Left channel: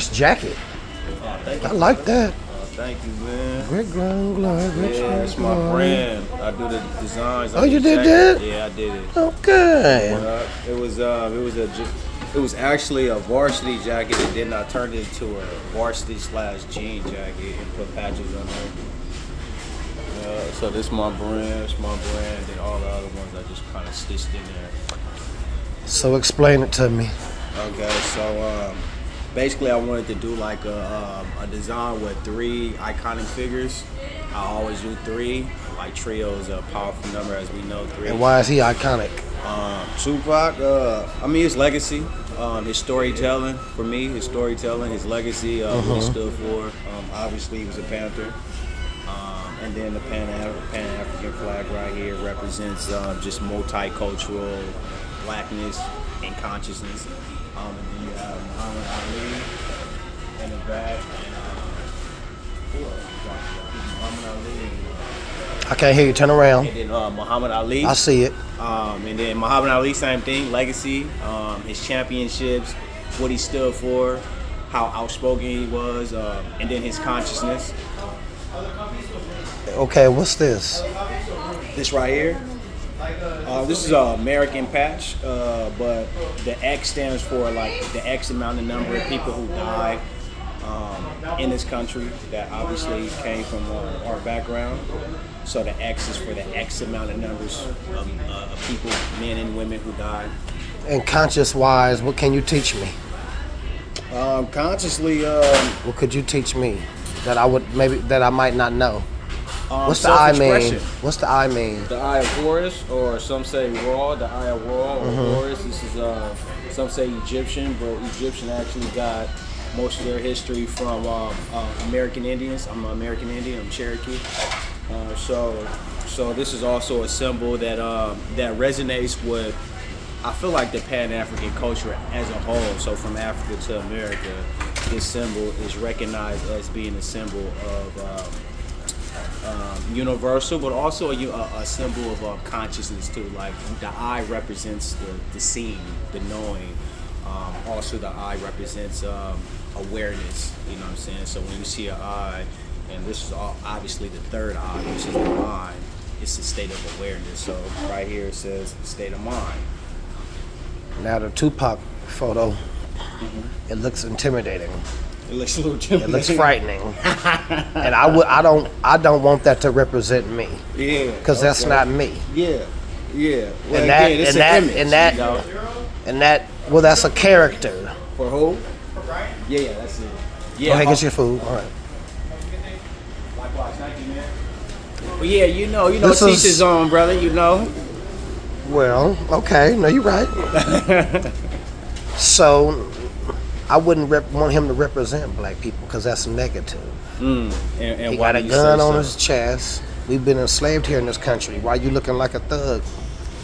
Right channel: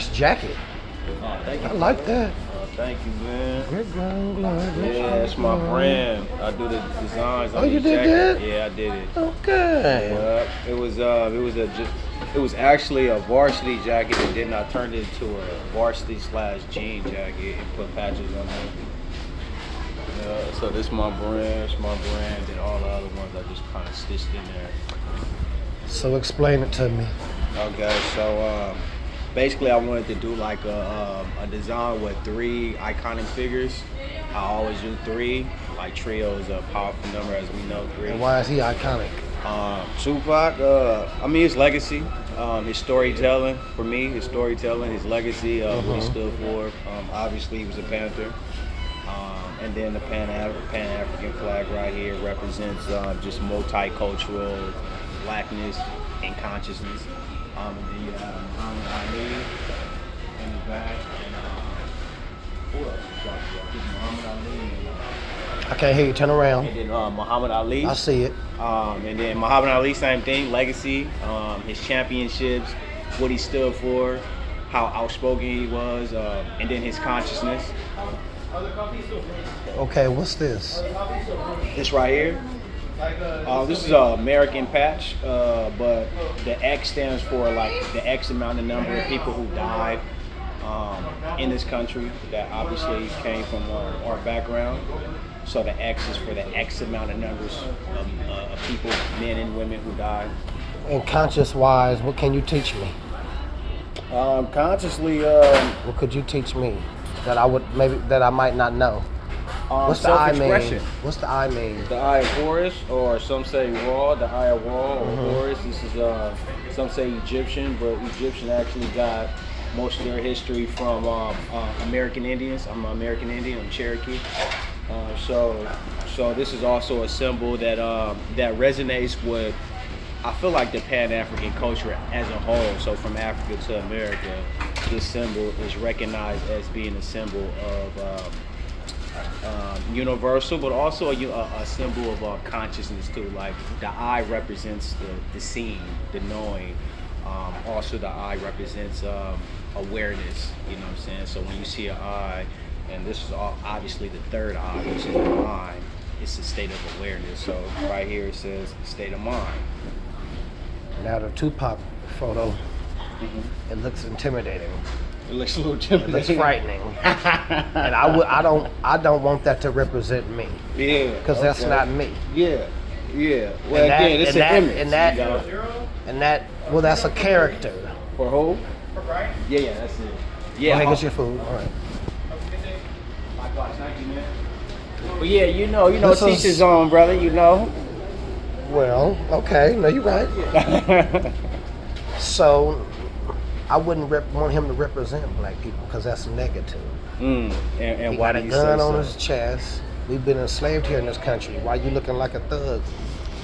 Nice jacket. Thank I you. like that. Thank you, man. Red ground glove. Yeah, that's my brand. I do the designs. Oh, you did that? Yeah, I did it. Okay. It was actually a varsity jacket, and then I turned it into a varsity/jean jacket and put patches on it. So this my brand, and all the other ones I just kind of stitched in there. So explain it to me. Okay, so basically I wanted to do like a design with 3 iconic figures. I always do 3. Like trio is a powerful number, as we know. 3. And why is he iconic? Tupac, his legacy, his storytelling, for me, his storytelling, his legacy, what he stood for. Obviously, he was a Panther. And then the Pan-African flag right here represents just multicultural blackness and consciousness. Muhammad Ali in the back. Who else? Muhammad Ali. I can't hear you. Turn around. And then Muhammad Ali. I see it. And then Muhammad Ali, same thing, legacy, his championships, what he stood for, how outspoken he was, and then his consciousness. Okay, what's this? This right here, this is an American patch, but the X stands for like the X amount of number of people who died in this country that obviously came from our background. So the X is for the X amount of numbers of people, men and women who died. And conscious-wise, what can you teach me? Consciously, What could you teach me that I might not know? What's the I mean? What's the I mean? The Eye of Horus, or some say Ra, the Eye of Ra, or Horus. This is some say Egyptian, but Egyptian actually got most of their history from American Indians. I'm an American Indian. I'm Cherokee. So this is also a symbol that that resonates with, I feel like, the Pan-African culture as a whole. So from Africa to America, this symbol is recognized as being a symbol of universal, but also a symbol of consciousness too. Like the eye represents the seeing, the knowing. Also, the eye represents awareness. You know what I'm saying? So when you see an eye, and this is obviously the third eye, which is the mind, it's a state of awareness. So right here it says state of mind. Now the Tupac photo, it looks intimidating. It looks a little It intimidating. looks frightening, and I don't want that to represent me. Yeah. Because that's not me. Yeah. Yeah. Well, And that- again, it's and an that- image. and that- you know? And that, well, that's a character. For who? Yeah, that's it. Yeah. Go ahead, get your food. All right. Likewise, thank you, man. Well, yeah, you know, This teach is- his own, brother. You know. Well, okay. No, you're right. So, I wouldn't want him to represent black people because that's negative. And He why got a do you gun say on so? his chest. We've been enslaved here in this country. Why you looking like a thug?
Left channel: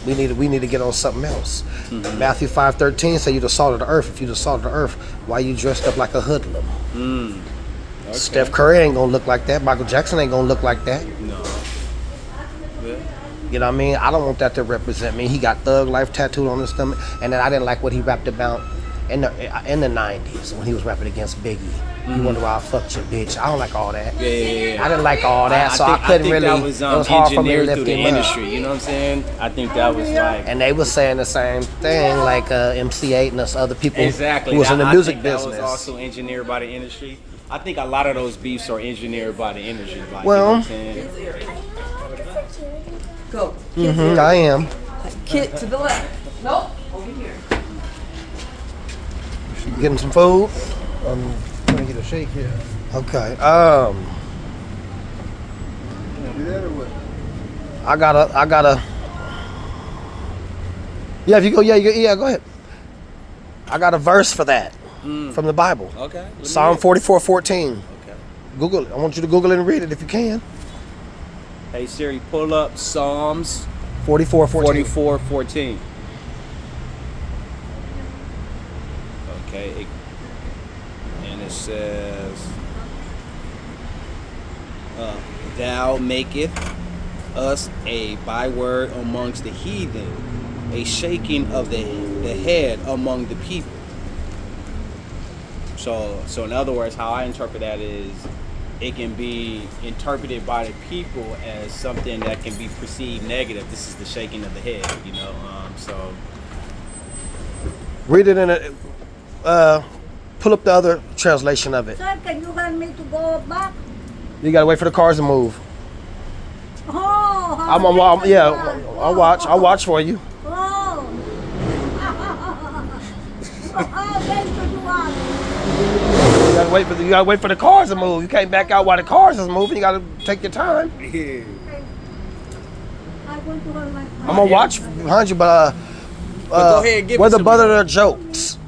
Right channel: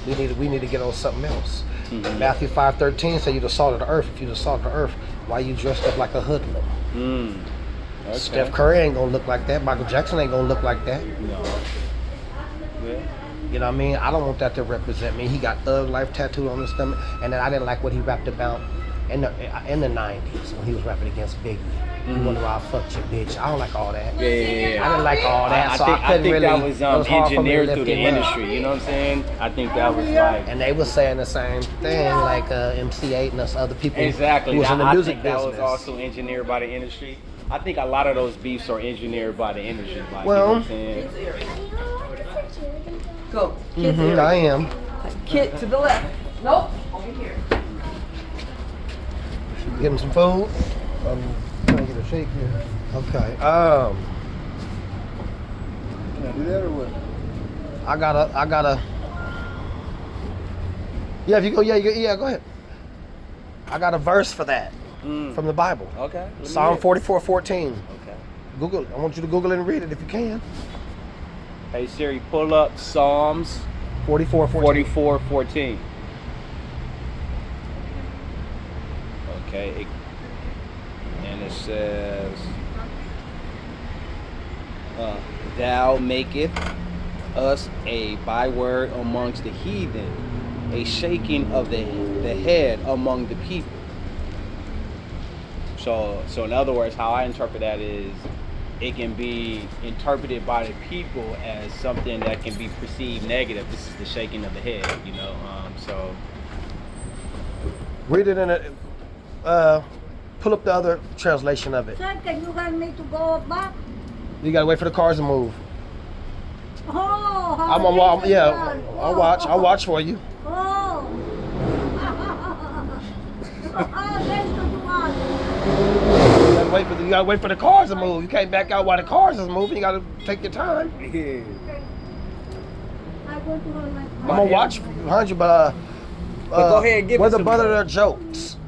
We need to get on something else. Matthew 5:13 say you the salt of the earth. If you the salt of the earth, why you dressed up like a hoodlum? Okay. Steph Curry ain't gonna look like that. Michael Jackson ain't gonna look like that. No. Yeah. You know what I mean? I don't want that to represent me. He got Thug Life tattooed on his stomach, and then I didn't like what he rapped about in the 90s when he was rapping against Biggie. You wonder why I fucked your bitch. I don't like all that. Yeah. I didn't like all that, so I I couldn't think really. that was, it was hard for me to engineered lift through the him up. industry. You know what I'm saying? I think that was like. And they were saying the same thing, like MC8 and us other people Exactly. who was in the I music think business. That was also engineered by the industry. I think a lot of those beefs are engineered by the industry. Like, Well- you know what I'm saying? Go. Kids area. I am. Kid to the left. Nope. Over here. Getting some food. Trying to get a shake here. Okay. Do that or what? I gotta. Yeah, if you go, yeah, go ahead. I got a verse for that from the Bible. Okay. let me Psalm look. 44:14. Okay. Google it. I want you to Google it and read it if you can. Hey Siri, pull up Psalms 44:14. 44:14. Okay. And it says, "Thou maketh us a byword amongst the heathen, a shaking of the head among the people." So in other words, how I interpret that is, it can be interpreted by the people as something that can be perceived negative. This is the shaking of the head, you know. So Read it in a. Pull up the other translation of it. Sir, can you help me to go back? You gotta wait for the cars to move. Oh, I'll watch for you. Oh. Then to do what? You gotta wait for the cars to move. You can't back out while the cars is moving. You gotta take your time. yeah. I want to hold my I'm gonna watch behind you, but go ahead and give where it the to butt me. of their jokes.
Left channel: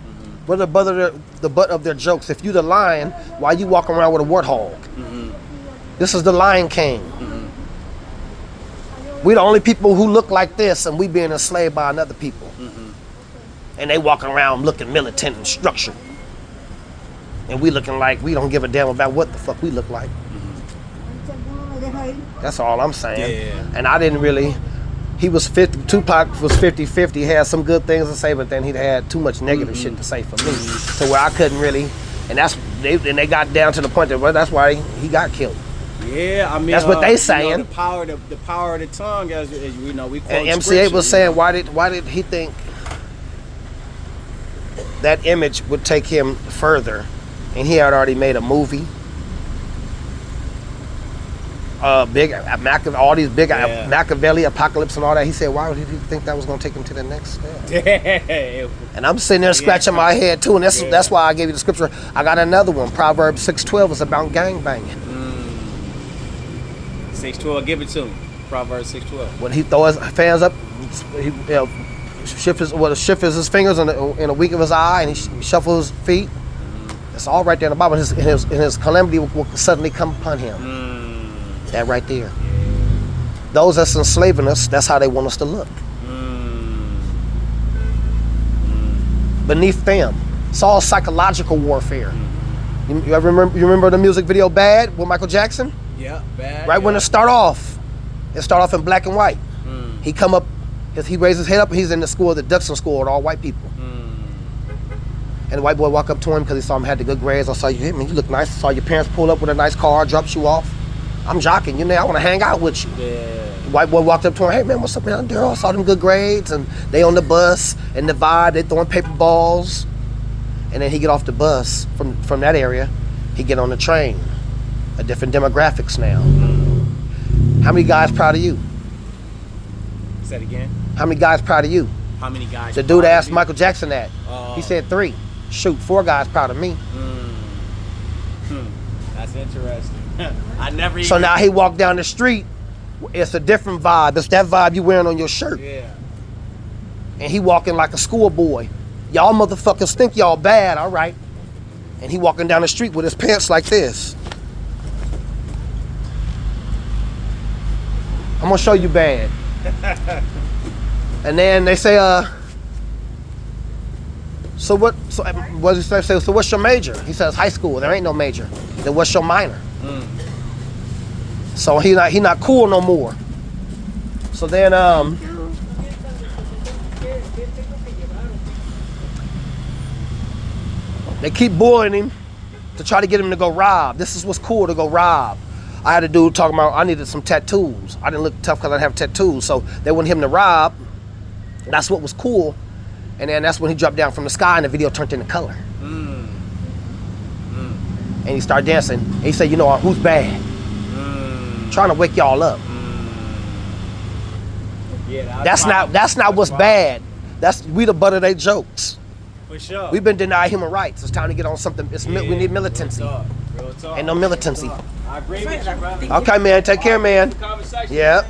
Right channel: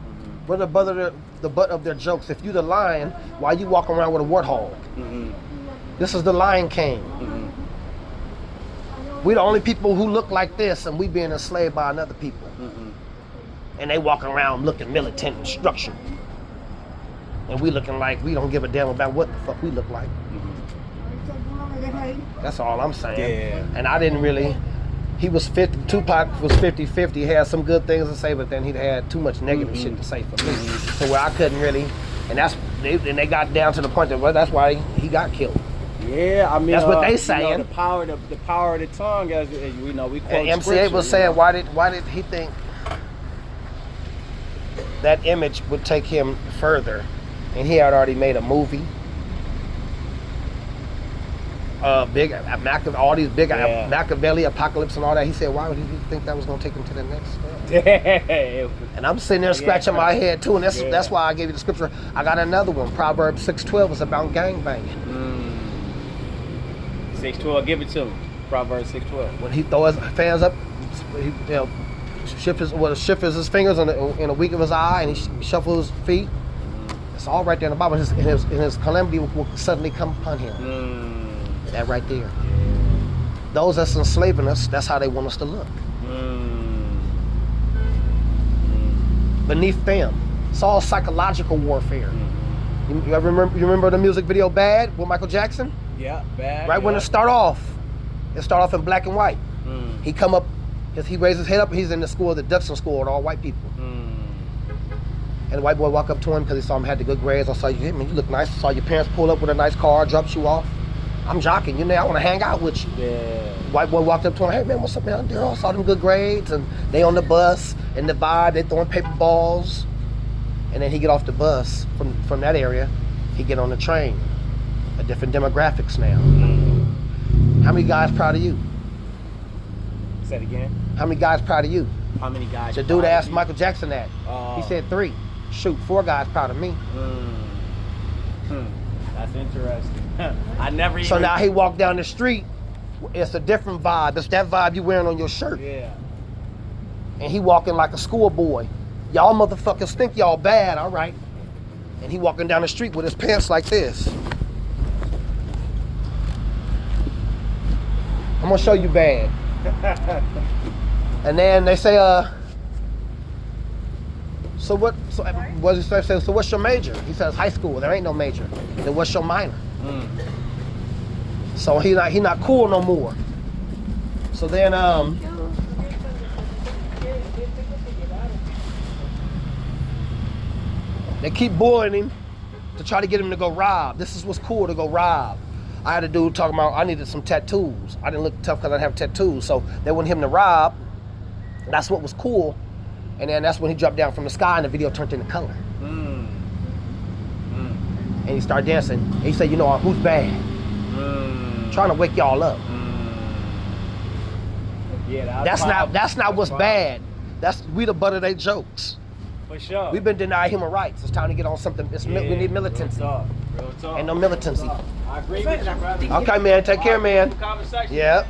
Where the butt of their jokes. If you the lion, why you walking around with a warthog? This is the Lion King. We the only people who look like this, and we being enslaved by another people. And they walking around looking militant and structured. And we looking like we don't give a damn about what the fuck we look like. That's all I'm saying. Yeah. And I didn't really. He was 50. Tupac was 50-50. He had some good things to say, but then he had too much negative shit to say for me, to where I couldn't really. And they got down to the point that, well, that's why he got killed. Yeah, I mean, That's what they you know, saying. the power of the tongue, as you know, we quote And MCA scripture, was you saying, know. why did he think that image would take him further? And he had already made a movie. Big all these big Machiavelli, Apocalypse, and all that. He said, why would he think that was going to take him to the next step? And I'm sitting there scratching my head too, and that's why I gave you the scripture. I got another one. Proverbs 6:12 is about gangbanging. 6:12, give it to him. Proverbs 6:12. When he throw his hands up, he shift his fingers in the weak of his eye, and he shuffles his feet. It's all right there in the Bible. And his calamity will suddenly come upon him. That right there. Those that's enslaving us, that's how they want us to look. Beneath them. It's all psychological warfare. You remember the music video Bad with Michael Jackson? Yeah, bad. Right when it start off in black and white. He come up, he raised his head up, he's in the school, the Dutson school with all white people. And the white boy walk up to him because he saw him had the good grades. I saw you hit me, you look nice. I saw your parents pull up with a nice car, drops you off. I'm jocking, you know, I want to hang out with you. Yeah. The white boy walked up to him, hey man, what's up, man? I saw them good grades, and they on the bus, and the vibe, they throwing paper balls. And then he get off the bus from that area, he get on the train. A different demographics now. How many guys proud of you? Say it again. How many guys proud of you? How many guys? The dude proud of asked you? Michael Jackson that. He said 3. Shoot, 4 guys proud of me. That's interesting. I never. So even... now he walked down the street. It's a different vibe. It's that vibe you wearing on your shirt. Yeah. And he walking like a schoolboy. Y'all motherfuckers think y'all bad, all right. And he walking down the street with his pants like this. I'm gonna show you bad. And then they say, so what does he say? So what's your major? He says high school. There ain't no major. Then what's your minor? So he not cool no more. So then they keep bullying him to try to get him to go rob. This is what's cool, to go rob. I had a dude talking about I needed some tattoos. I didn't look tough because I didn't have tattoos. So they wanted him to rob. That's what was cool. And then that's when he dropped down from the sky and the video turned into color. And he started dancing. And he said, you know, who's bad? Trying to wake y'all up. Yeah, That's not what's bad. We the butt of their jokes. For sure. We've been denied human rights. It's time to get on something. We need militancy. Real talk. Ain't no militancy. I agree with you, brother. Okay, man. Take care, man. Conversation. Yeah.